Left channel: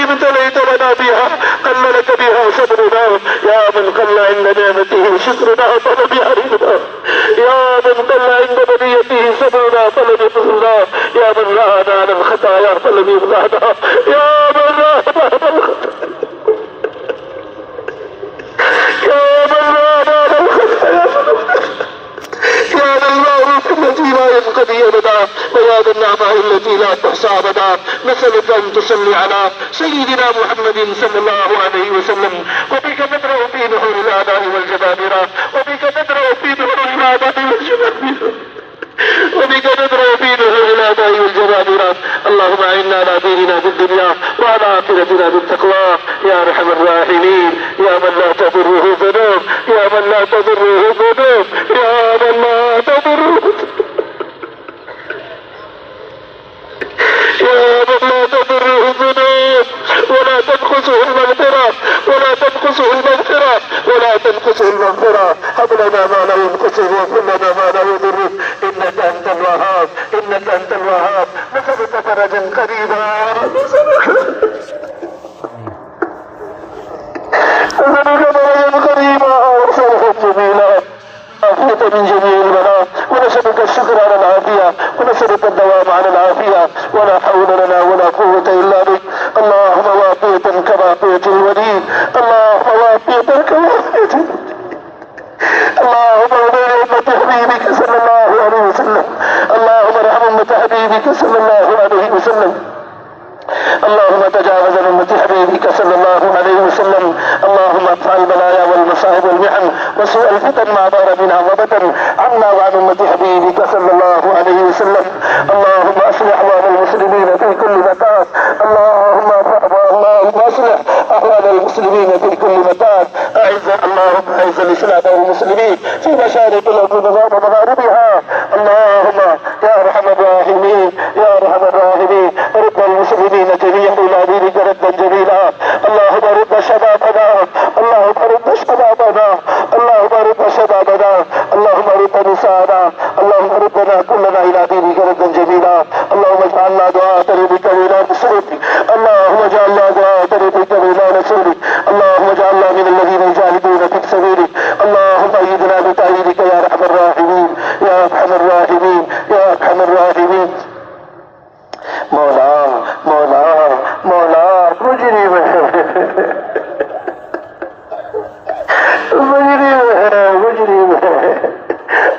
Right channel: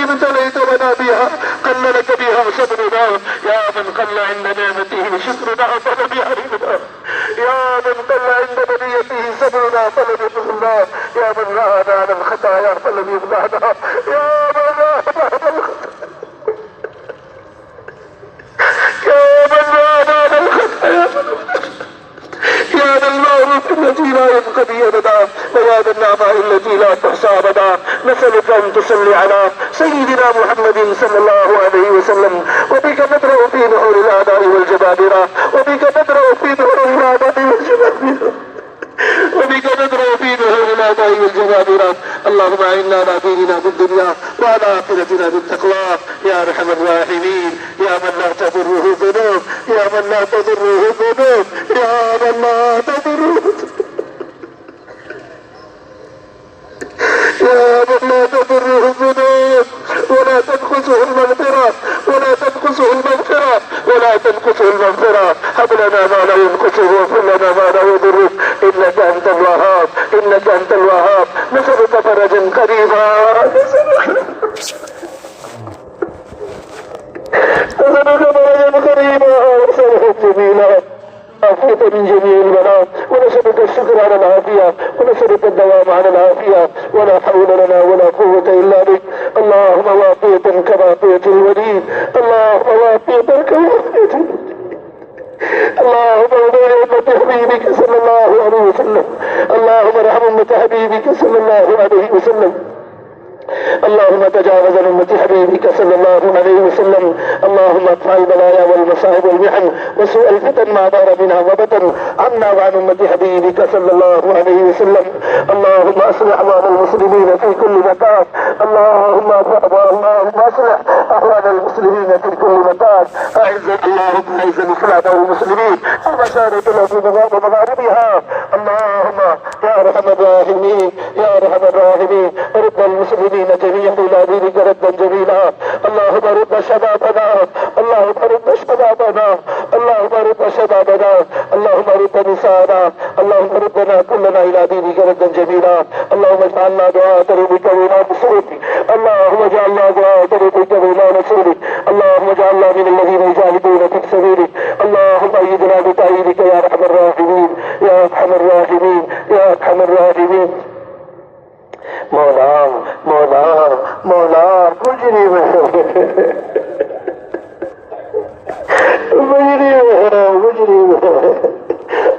الذي ابتليت لنا بها قل لك بها صبرنا، يا من قل عند نعمته شكرنا فلم يعرفنا، يا من قل عند بليته صبرنا فلم يبصرنا، يا من رآنا على الخطايا فلم يبغانا، يا من رآنا على الخطايا، يا ذا المعروف الذي لا ينقضي ابدا، ويا ذا النعماء التي لا تحصى ابدا، نسألك ان تصلي على سيدنا محمد صلى الله عليه وسلم، وبك نبرأ في نحور الاعداء والجبابرة، وبك نبرأ في نحور الاعداء والجبابرة، وبك ندرأ في نحور الاعداء والجبابرة. اللهم اعنا على ديننا في الدنيا وعلى اخرتنا بالتقوى يا ارحم الراحمين، يا من لا تضره ذنوب، يا من لا تضره ذنوب، يا من لا تضره، يا من لا تضره الذنوب ولا تنقصه المغفرة، ولا تنقصه المغفرة، ولا تنقصه المغفرة. هب لنا ما لا ينقصه واغفر لنا ما لا يضره، انك انت الوهاب، انك انت الوهاب. نسألك فرجا قريبا، نسألك فرجا قريبا وصلحا جميلا، عافية من جميع البلاء، ونسألك الشكر على العافية، ونسألك الدوام على العافية، ولا حول لنا ولا قوة إلا بك. اللهم وافية كوافية الوليد، اللهم وافية كوافية، اللهم ارحم أمة حبيبك صلى الله عليه وسلم، اللهم ارحم أمة حبيبك صلى الله عليه وسلم، اللهم تجاوز عن أمة حبيبك صلى الله عليه وسلم، اللهم ادفع البلايا والمصائب والمحن وسوء الفتن ما دار منها وبدن عنا وعن أمة حبيبك صلى الله عليه وسلم. اللهم اصلح احوال المسلمين في كل مكان، اللهم اصلح احوال المسلمين في كل مكان، اللهم اعز الاسلام والمسلمين في مشارق الارض ومغاربها، اللهم يا ارحم الراحمين، يا ارحم الراحمين، رد المسلمين جميعا الى دينك ردا جميلا، اللهم رد شبابنا، اللهم رد شبابنا، اللهم رد شبابنا، اللهم رد نساءنا، اللهم ردنا كلنا الى دينك ردا جميلا، اللهم اجعلنا دعاة لبك الى نصرك، اللهم اجعلنا دعاة لبك الى نصرك، اللهم اجعلنا من الذين يجاهدون في سبيلك، اللهم ايدنا بتأييدك يا ارحم الراحمين، يا ارحم الراحمين، يا ارحم الراحمين. مولا مولا مولا مجرم مجرم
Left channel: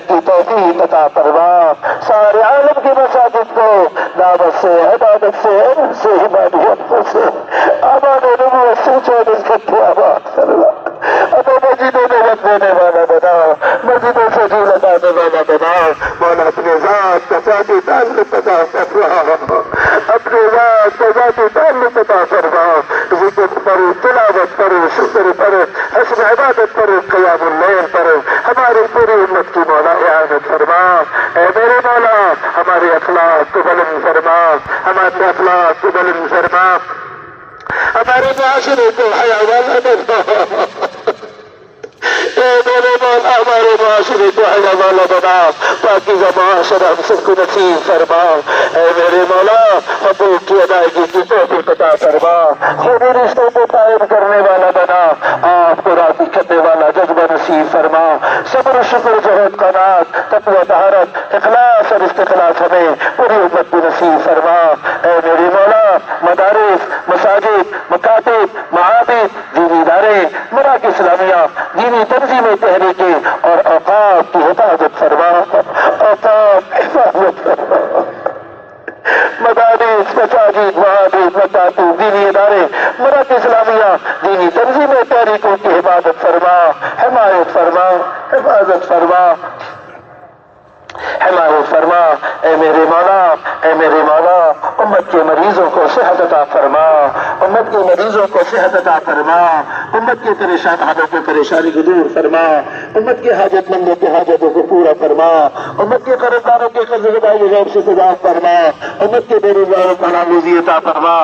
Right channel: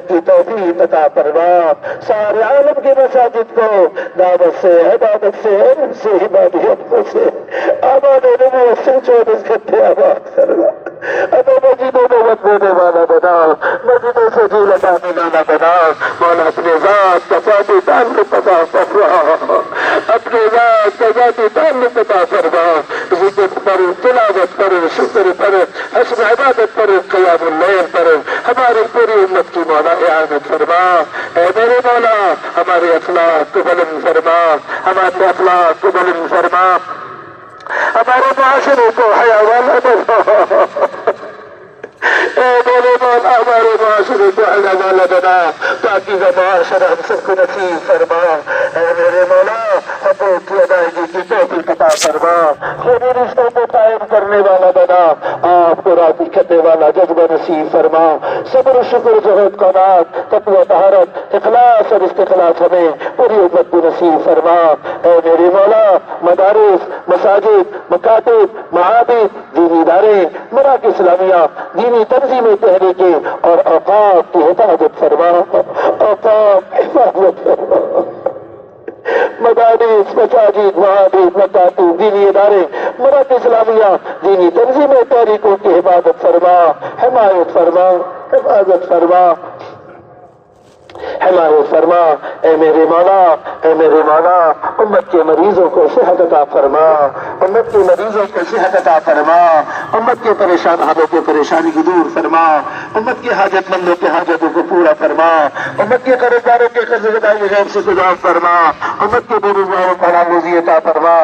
محنت کی توفیق عطا فرما، سارے عالم کی مساجد کو دعوت سے، عبادت سے، علم سے، عبادیت سے آباد نبوت سے 24 گھنٹے آباد فرما۔ ابو مسجدوں میں رکھ دینے والا بناؤ، مسجدوں سے جی لگانے والا بناؤ مولا، اپنے ذات کا ذاتی تعلق عطا فرما، اپنے ذات کا ذاتی تعلق عطا فرما، ذکر پر، تلاوت پر، شکر پر، حسن عبادت پر، قیام اللیل پر ہماری پوری امت کی مولا اعانت فرما۔ اے میرے مولا ہمارے اخلاق کو بلند فرما، ہمارے اخلاق کو بلند فرما، ہمارے معاشرے کو حیا والا بنا، اے میرے مولا ہمارے معاشرے کو حیا والا بنا، پاکیزہ معاشرہ ہم سب کو نصیب فرما۔ اے میرے مولا حقوق کی ادائیگی کی توفیق عطا فرما، خونی رشتوں کو قائم کرنے والا بنا، آپ کو راضی کرنے والا جذبہ نصیب فرما، صبر و شکر، جہد، قناعت، تقوی، طہارت، اخلاص اور استخلاص ہمیں پوری امت کو نصیب فرما۔ اے میرے مولا مدارس، مساجد، مکاتب، معابد، دینی ادارے، مراکز اسلامیہ، دینی تنظیمیں تحریکیں اور اوقاف کی حفاظت فرما، اوقاف حفاظت فرما، مدارس، مساجد، معابد، مکاتب، دینی ادارے، مراکز اسلامیہ، دینی تنظیمیں تحریکوں کی حفاظت فرما، حمایت فرما، حفاظت فرما، حمایت فرما۔ اے میرے مولا، اے میرے مولا امت کے مریضوں کو صحت عطا فرما، امت کے مریضوں کو صحت عطا فرما، امت کے پریشان حالوں کو پریشانی کو دور فرما، امت کے حاجت مندوں کے حاجتوں کو پورا فرما، امت کے کاروباروں کے قرض ادائی غیب سے گزار فرما، امت کے بے روزگاروں کو حلال روزی عطا فرما،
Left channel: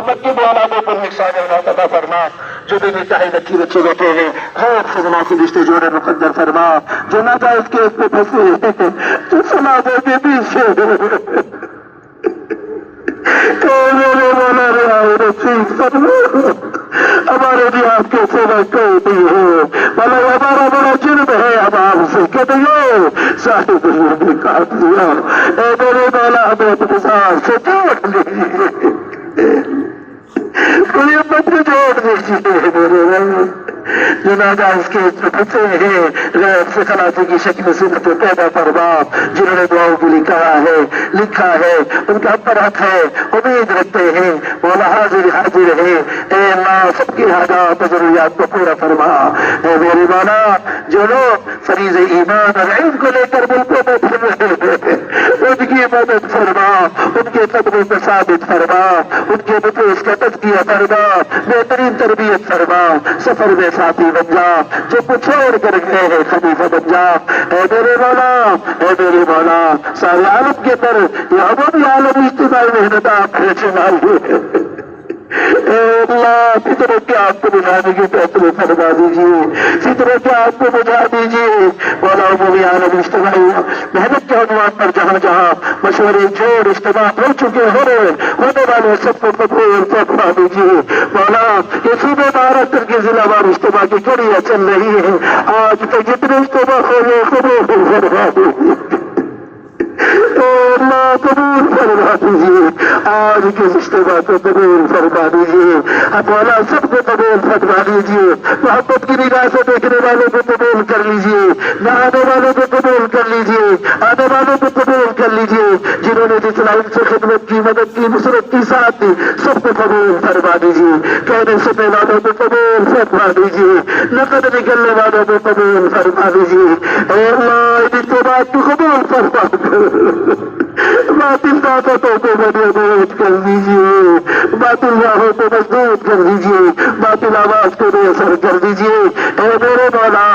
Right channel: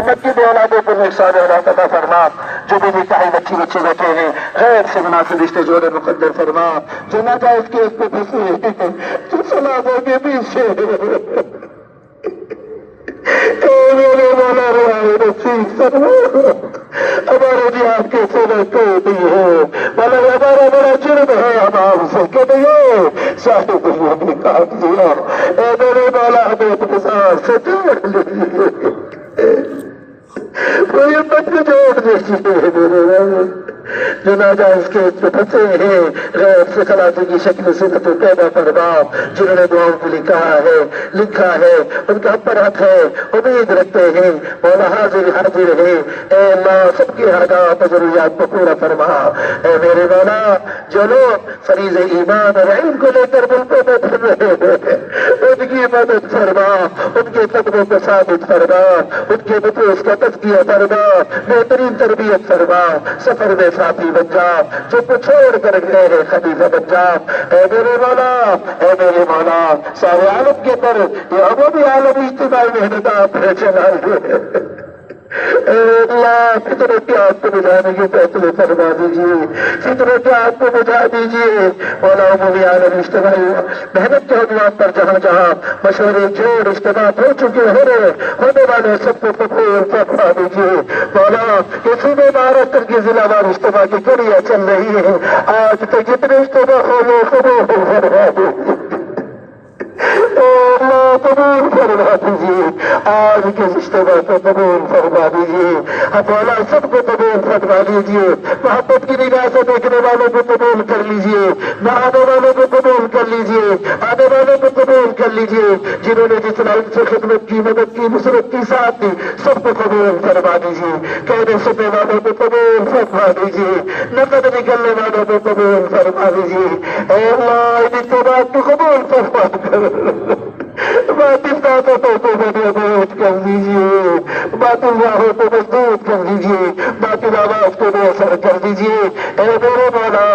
امت کے بے اولادوں کو نقصان عطا فرما، جو بھی نکاحی بچی بچی بیٹھے ہیں غیر سے مناسب رشتے جوڑے مقدر فرما، جو ناجائز کیس پہ پھنسے ہیں، جو سماجوں کے پیچھے میرے مولا رہائی نصیب فرما، ہمارے بھی آپ کے سبق کوئی ہے، مگر ہمارا بڑا جرم ہے، ہم آپ سے کہتے ہیں سارے دنیا بھی کاٹ دیا، اے میرے مولا ہمیں انتظار سے توڑ دیجیے، کوئی مت جوڑ دیجیے میرے مولا، جنازہ اس کے پھنسے ہیں غیر سے خلاصی کی شکل صورت پیدا فرما، جنہوں نے دعاؤں کے لیے کہا ہے، لکھا ہے، ان کا پر حق ہے، امید رکھتے ہیں مولا حاضر حاضر ہے، اے اللہ سب کی حاجات و ضروریات کو پورا فرما۔ اے میرے مولا جو لوگ فریض ایمان اور علم کو لے کر ملکوں میں پھر رہے ہیں ان کی مدد فرما، ان کے قدموں کو ثابت فرما، ان کے نفوس کا تزکیہ فرما، بہترین تربیت فرما، سفر میں ساتھی بن جا، جو کچھ چھوڑ کر گئے ہیں خلیفہ بن جا۔ اے میرے مولا، اے میرے مولا سارے عالم کے اندر یہ عمومی عالمی اجتماعی محنت آپ نے چلا لی، اے اللہ فطروں کے آپ کو بجھانے کے فیصلے فرما دیجیے، فطروں کے آپ کو بجھا دیجیے مولا، عمومی عالمی اجتماعی محنت کے عنوان پر جہاں جہاں مشورے جوڑ اجتماع ہو چکے ہونے والے سب کو قبول فرما دیجیے مولا۔ یہ صوبے مہاراشٹر کے ضلع وار اجتماع کی کڑیاں چل رہی ہے، آج تک جتنے اجتماع ہو گئے قبول فرما دیجیے، اللہ قبول فرما دیجیے، آج کے اجتماع کو قبول فرما دیجیے، مولا سب کو قبول فرما دیجیے، محبت کی نگاہ سے دیکھنے والوں کو قبول کر لیجیے، نہ آنے والوں کو قبول کر لیجیے، آنے والوں کو قبول کر لیجیے، جنہوں نے جس لائن سے خدمت کی، مدد کی، نصرت کی، ساتھ دی، سب کو قبول فرما دیجیے، کہنے سننے والوں کو قبول فرما دیجیے، نقد نکلنے والوں کو قبول فرما دیجیے، اے اللہ ان اجتماع کو قبول فرما باطل طاقتوں کو مضبوط کر دیجیے، باطل راہوں کو مضبوط کر دیجیے، باطل آواز کو بے اثر کر دیجیے، اے میرے مولا،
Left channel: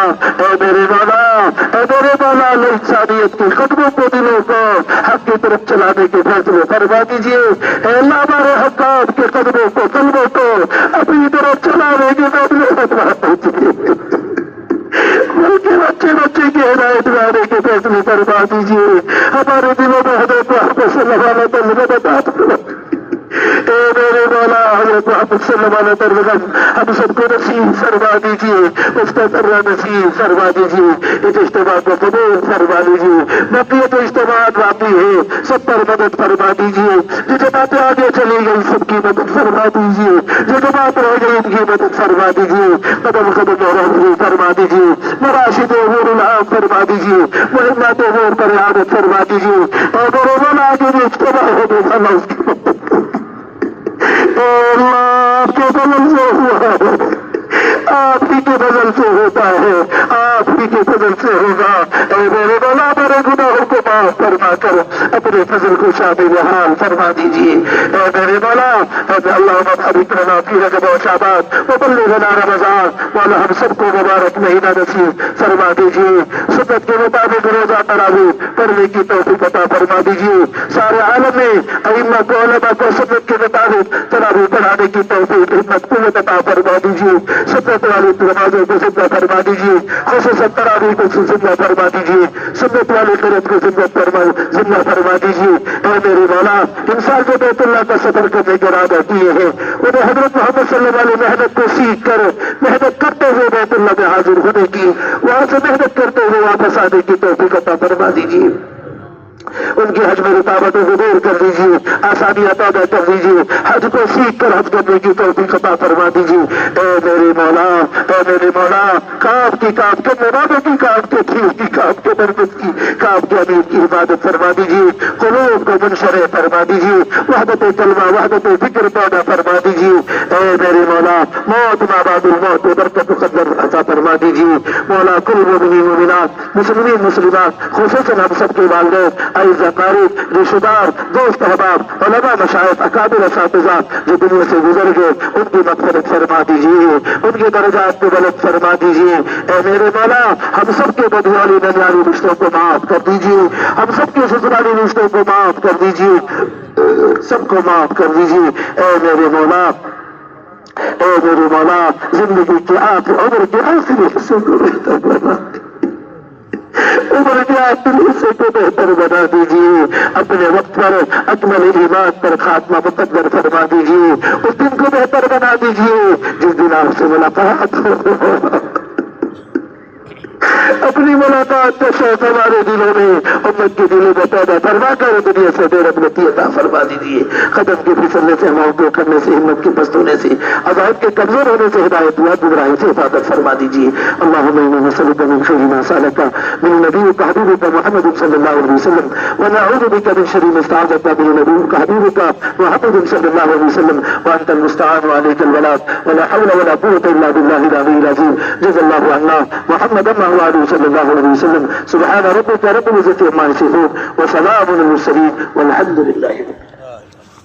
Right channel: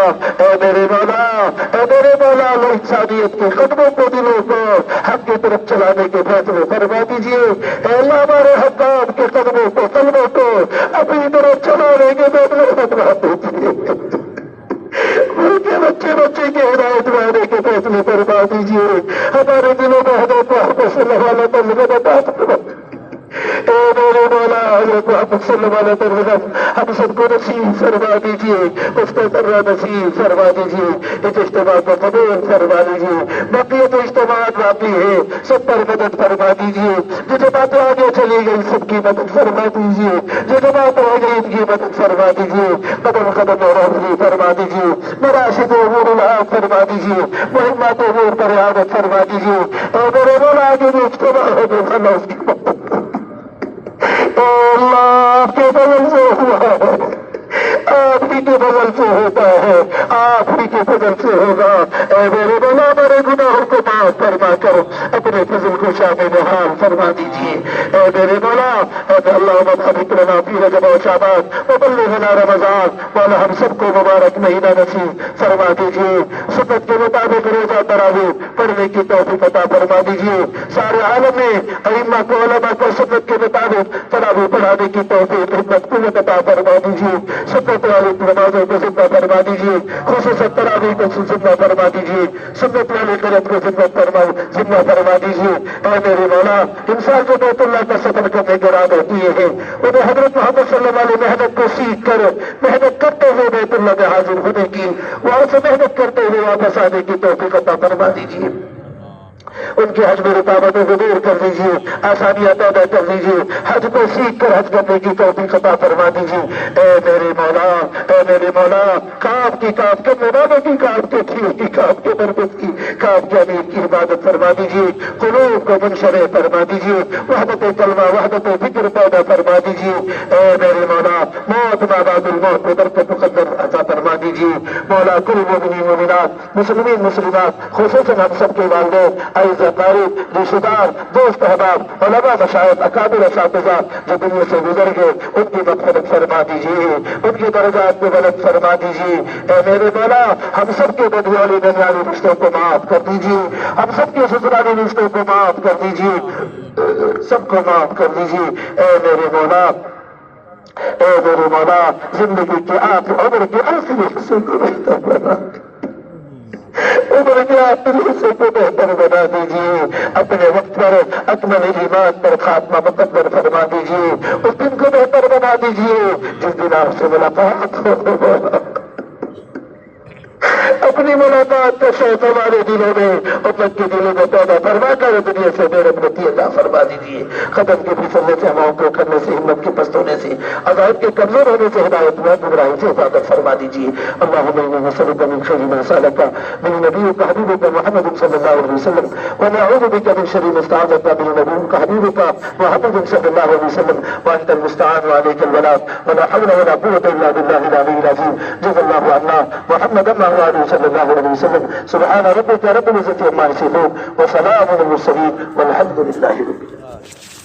اے میرے مولا، اے میرے مولا انسانیت کے قدموں کو، دلوں کو حق کی طرف چلانے کے فیصلے فرما دیجیے، اے اللہ ہمارے حقات کے قدموں کو، قلبوں کو اپنی طرف چلانے کے فیصلے فرما دیجیے، ملک کے بچے بچے کی ہدایت لانے کے فیصلے فرما دیجیے، ہمارے دلوں میں حضرت محمد صلی اللہ علیہ وسلم عطا فرما، اے میرے مولا حضرت محمد صلی اللہ علیہ وسلم ہم سب کو نصیب فرما دیجیے، اس کو ذرہ نصیب فرما دیجیے، اس اجتماع کو قبول فرما لیجیے، بقیت اجتماع باقی ہے، سب پر مدد فرما دیجیے، جو جماعتیں آگے چلی گئی سب کی مدد فرما دیجیے، جو جماعت رہ گئی ان کی مدد فرما دیجیے، قدم قدم اور رہنمائی فرما دیجیے، مراشد امور الحق فرما دیجیے، مہمات امور پر اعادت فرما دیجیے، اور میرے مولا آگے بھی اجتماع ہو تو اللہ اس کی مدد کر اے اللہ آپ کے فضل سے ہوا ہے، آپ ہی کے فضل سے ہوتا ہے، آپ ہی کے فضل سے ہوگا، اے میرے مولا میرے گناہوں کو معاف فرما کر اپنے فضل کو شامل حال فرما دیجیے، اے میرے مولا اللہم بارک لنا فی رجب و شعبان وبلغنا رمضان، مولا ہم سب کو مبارک مہینہ نصیب فرما دیجیے، سنت کے مطابق روزہ تراویح پڑھنے کی توفیق عطا فرما دیجیے، سارے عالم میں ائمہ کو علماء کو سنت کے مطابق تراویح پڑھانے کی توفیق ہمت قوت عطا فرما دیجیے، سنت والی نمازوں کو زندہ فرما دیجیے، خصوصاً تراویح کو زندہ فرما دیجیے، سنت والی قرت کو زندہ فرما دیجیے، اے میرے مولا انسان جو بیت اللہ کا سفر کرنے کے ارادہ کیے ہیں انہیں حضرت محمد صلی اللہ علیہ محنت کو سیکھ کر محنت کرتے ہوئے بیت اللہ میں حاضر ہونے کی، وہاں سے محنت کرتے ہوئے واپس آنے کی توفیق عطا فرما دیجیے، ان کی حج میں رکاوٹوں کو دور کر دیجیے، آسانیاں پیدا کر دیجیے، حج کو سیکھ کر حج کرنے کی توفیق عطا فرما دیجیے، اے میرے مولا اے میرے مولا کام کی کام کے مرادوں کی کام کے کھیل کی کام کے برکت کی کام کے امیر کی عبادت فرما دیجیے، قلوب کو منشرح فرما دیجیے، وحدت کلمہ وحدت فکر پیدا فرما دیجیے، اے میرے مولا موت ما بعد الموت میں برکت مقدر عطا فرما دیجیے، مولا کل مومنین مومنات مسلمین مسلمات خصوصاً ہم سب کے والدین اعزاء قریب رشتہ دار دوست احباب علماء مشائخ اکابر اساتذہ جو دنیا سے گزر گئے ان کی مغفرت فرما دیجیے، ان کی درجات کو بلند فرما دیجیے، اے میرے مولا ہم سب کے دنیاوی دنیاوی رشتوں کو معاف کر دیجیے، ہم سب کے سسرالی رشتوں کو معاف کر دیجیے، سب کو معاف کر دیجیے، اے میرے مولا اے میرے مولا زندگی کے عمر کے آخری حصے کو بہتر بنا عمر کے آخری حصے کو بہتر بنا دیجیے، اپنے وقت پر اکمل ایمان پر خاتمہ مقدر فرما دیجیے، اس دن کو بہتر بنا دیجیے جس دن آپ سے ملاقات ہو، اپنی ملاقات کا شوق ہمارے دلوں میں امت کے دلوں میں پیدا فرما کر دنیا سے بے رغبتی عطا فرما دیجیے، قدم کے پھسلنے سے ہواؤں کو کرنے سے ہمت کے پست ہونے سے عذاب کے کمزور ہونے سے ہدایت ہوا گمراہی سے حفاظت فرما دیجیے، اللہم انا نسألک من خیر ما سألک من نبیک حبیبک محمد صلی اللہ علیہ وسلم ونعوذ بک من شر ما استعاذک من نبیک حبیبک محمد صلی اللہ علیہ وسلم وانت المستعان وعلیک البلاغ ولا حول ولا قوة الا باللہ العلی العظیم، جزا اللہ عنا محمد وعلى صلی اللہ علیہ وسلم، سبحان ربک رب العزة عما یصفون وسلام علی المرسلین والحمد للہ رب العالمین۔